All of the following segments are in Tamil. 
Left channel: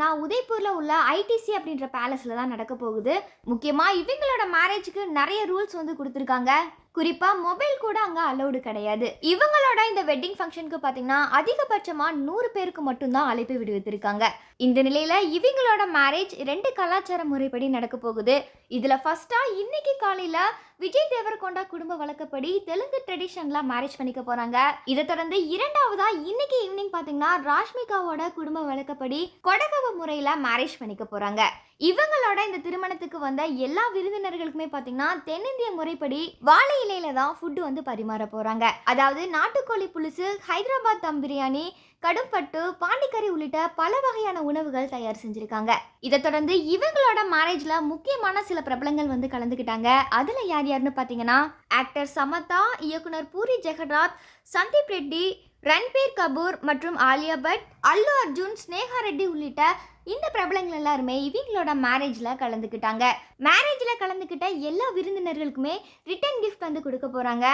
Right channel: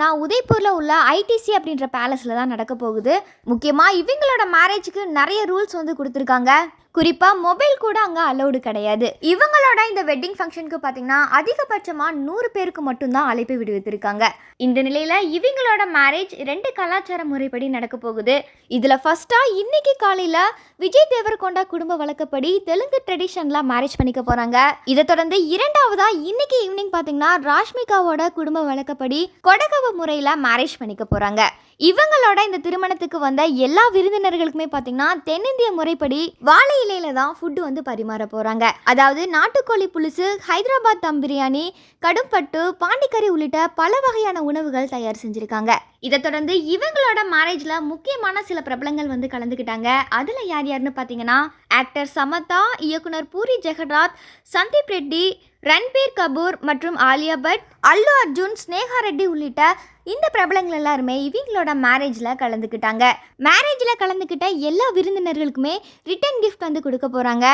நான் உதய்பூர்ல உள்ள ஐடிசி அப்படின்ற பேலஸ்ல தான் நடக்க போகுது. முக்கியமா இவங்களோட மேரேஜுக்கு நிறைய ரூல்ஸ் வந்து கொடுத்துருக்காங்க. குறிப்பா மொபைல் கூட அங்க அலௌடு கிடையாது. இவங்களோட இந்த வெட்டிங் ஃபங்க்ஷனுக்கு பாத்தீங்கன்னா அதிகபட்சமா 100 பேருக்கு மட்டும்தான் அழைப்பு விடுவித்திருக்காங்க. இந்த நிலையில இவங்களோட மேரேஜ் 2 கலாச்சார முறைப்படி நடக்க போகுது. இதுல ஃபர்ஸ்டா இன்னைக்கு காலையில விஜய் தேவரகொண்டா குடும்ப வழக்கப்படி தெலுங்கு ட்ரெடிஷன்ல மேரேஜ் பண்ணிக்க போறாங்க. இதை தொடர்ந்து இரண்டாவதா இன்னைக்கு ஈவினிங் பாத்தீங்கன்னா ராஷ்மிகாவோட குடும்ப வழக்கப்படி கொடகவ முறையில மேரேஜ் பண்ணிக்க போறாங்க. இவங்களோட இந்த திருமணத்துக்கு வந்த எல்லா விருந்தினர்களுக்குமே பாத்தீங்கன்னா தென்னிந்திய முறைப்படி வாழை இலையில தான் ஃபுட் வந்து பரிமாற போறாங்க. அதாவது நாட்டுக்கோழி புலுசு, ஹைதராபாத் தம் பிரியாணி, கடும்பட்டு, பாண்டிக்கறி உள்ளிட்ட பல வகையான உணவுகள் தயார் செஞ்சிருக்காங்க. இதை தொடர்ந்து இவங்களோட மேரேஜ்ல முக்கியமான சில பிரபலங்கள் வந்து கலந்துக்கிட்டாங்க. அதுல யார் யாருன்னு பாத்தீங்கன்னா ஆக்டர் சமந்தா, இயக்குனர் பூரி ஜெகநாத், சந்தீப் ரெட்டி, ரன்பீர் கபூர் மற்றும் ஆலியா பட், அல்லு அர்ஜுன், ஸ்னேகா ரெட்டி உள்ளிட்ட இந்த பிரபலங்கள் எல்லாருமே இவங்களோட மேரேஜில் கலந்துக்கிட்டாங்க. மேரேஜில் கலந்துக்கிட்ட எல்லா விருந்தினர்களுக்குமே ரிட்டன் கிஃப்ட் வந்து கொடுக்க போகிறாங்க.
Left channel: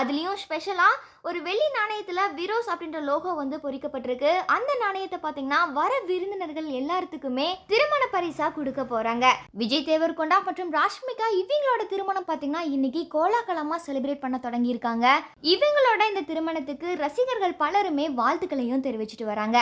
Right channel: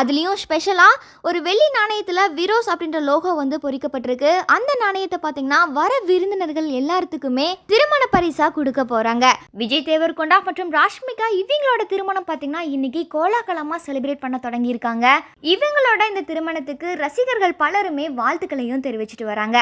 அதுலேயும் ஸ்பெஷலாக ஒரு வெள்ளி நாணயத்தில் விரோஸ் அப்படின்ற லோகோ வந்து பொறிக்கப்பட்டிருக்கு. அந்த நாணயத்தை பார்த்தீங்கன்னா வர விருந்தினர்கள் எல்லாத்துக்குமே திருமண பரிசாக கொடுக்க போகிறாங்க. விஜய் தேவரகொண்டா மற்றும் ராஷ்மிகா இவங்களோட திருமணம் பார்த்தீங்கன்னா இன்னைக்கு கோலாகலமாக செலிப்ரேட் பண்ண தொடங்கியிருக்காங்க. இவங்களோட இந்த திருமணத்துக்கு ரசிகர்கள் பலருமே வாழ்த்துக்களையும் தெரிவிச்சிட்டு வராங்க.